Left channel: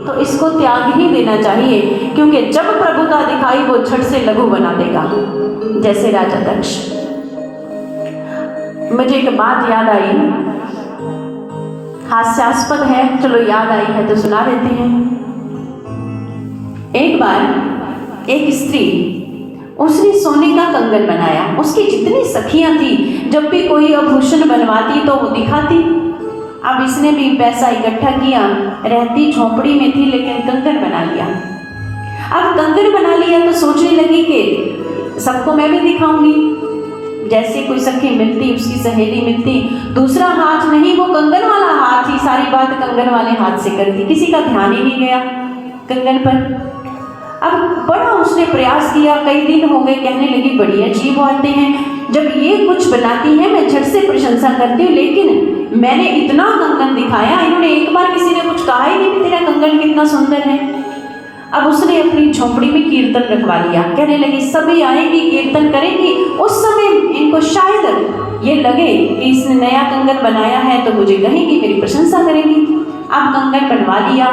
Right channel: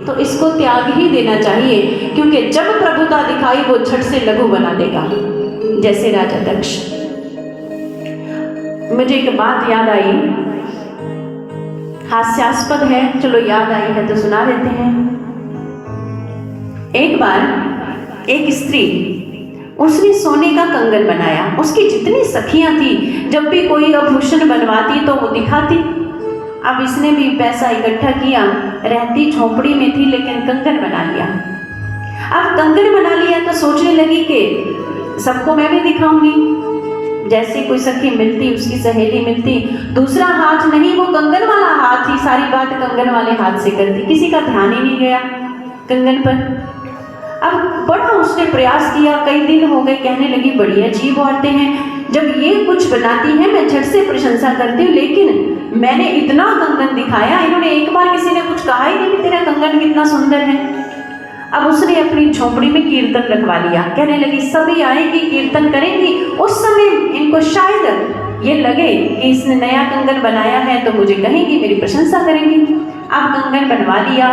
तो इसको त्याग ही देना चाहिए, क्योंकि जब प्रभुता दिखाई वो झट से लघु बना देगा, जैसे राजा दक्ष। मुझे एक बात याद आई, हास्यास्पद है, चलो याद आई है तो सुना देते हैं। एक बार एक स्त्री, उसने सोने का कंगन बनाया। उसकी जितनी सखियां थी, जब भी कोई आभूषण बनवाती तो वो दिखाती। अब इसने भी पैसा इकट्ठा किया, रहती झोपड़ी में थी लेकिन कंगन बना लिया। अब कंगन बना लिया तो सोचने लगी कि सबको मैं भी दिखाऊंगी। जैसे कोई सखी मिलती, उसकी सहेली मिलती, दूसरा हाथ नहीं, वो कंगन वाला हाथ ही सारी बात कंगन वाले हाथ से करती, किसी का ध्यान ही नहीं गया कंगन पर। अब बड़ा उसने प्रयास किया, कई दिन हो गए, कहने लगी बड़ी अजीब औरतें हैं, जब ये कुछ बनाती है मैं झट से प्रशंसा करती हूँ, लेकिन मैंने इतना कंगन दिखाया, इन्होंने एक बार किसी ने कुछ कहा ही नहीं कि तेरा कंगन कितना सुंदर है। अब उसने अपनी झोपड़ी में कीर्तन रखवा लिया, कहने लगी सभी आएंगी, कीर्तन करेंगी, उस समय इनको शायद ये लगे कि इसने नया कंगन बनाया है तो मुझे कहेंगी, मेरी प्रशंसा करेंगी। अब कंगन बनवा लिया,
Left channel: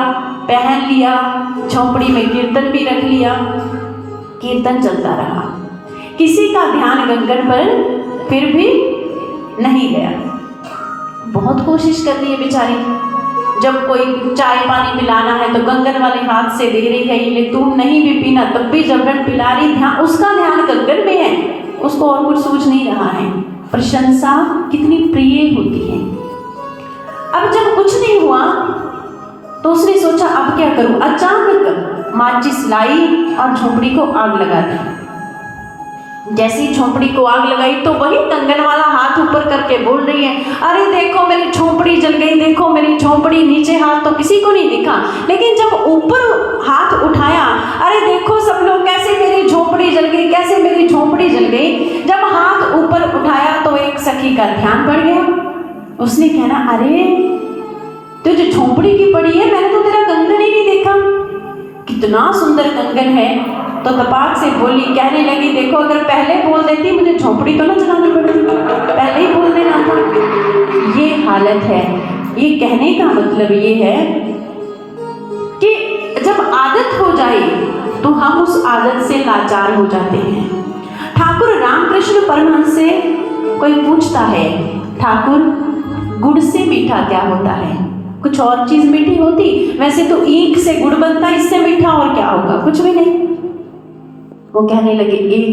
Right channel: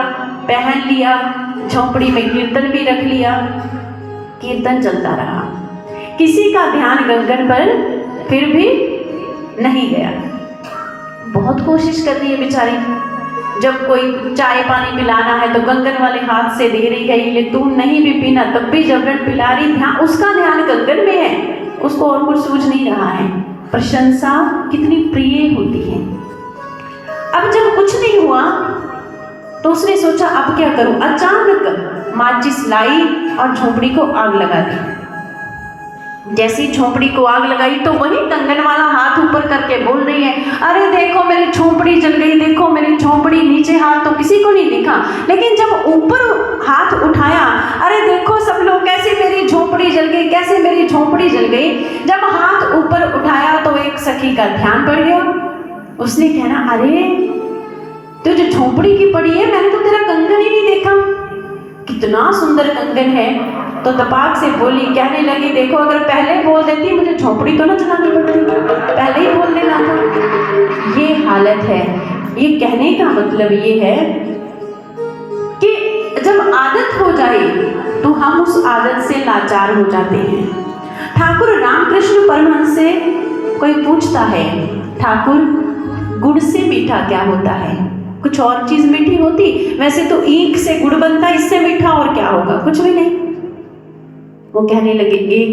पहन लिया, झोपड़ी में कीर्तन भी रख लिया, कीर्तन चलता रहा, किसी का ध्यान कंगन पर फिर भी नहीं गया। बहुत कोशिश कर रही है बेचारी, जब कोई चाय पानी पिलाना है तो कंगन वाले हाथ से दे रही है, ये तू नहीं भी पीना तब भी जबरन पिला रही, ध्यान उसका ध्यान कंगन में है, उसको और कुछ सूझ नहीं रहा है। प्रशंसा कितनी प्रिय होती है। अब जब कुछ नहीं हुआ तो उसने सोचा अब क्या करूं। अचानक माचिस लाई और झोपड़ी को आग लगा दी। जैसी झोपड़ी को आग लगाई तो वही कंगन वाला हाथ ऊपर करके बोल रही है, अरे देखो मेरी झोपड़ी जल गई, देखो मेरी झोपड़ी। नीचे हाथ तो किसी को नहीं दिखा, लेकिन जब ऊपर हाथ उठाया, अरे देखो सब लोग कैसे मेरी झोपड़ी जल गई, कैसे मेरी झोपड़ी जल गई। जब हाथ ऊपर उठाया तो एक सखी का ध्यान पड़ गया। उसने कहना, अरे तुझे झोपड़ी की पड़ी है, मैंने तो तेरा कंगन ही नहीं देखा, कितना सुंदर कंगन है। तो तपाक से बोली, कहने लगी देखो अगर पहले बोल देती मुझे झोपड़ी तो ना जलानी पड़ती, पहले ही बोल देना था। ये हालत है। ये कहने का मतलब ये है कि जब आदत हो जाए तो हम उस आदत से लाचार हो जाते हैं। ठाकुर रामकृष्ण परमहंस से कोई पूछता है, ठाकुर गुड़ से मीठा क्या होता है? कुछ और चीज मीठी होती? वैसे तो ईख से गुड़ बनता है, इससे मीठा और क्या होगा? कुछ भी नहीं। वो कहने लगे एक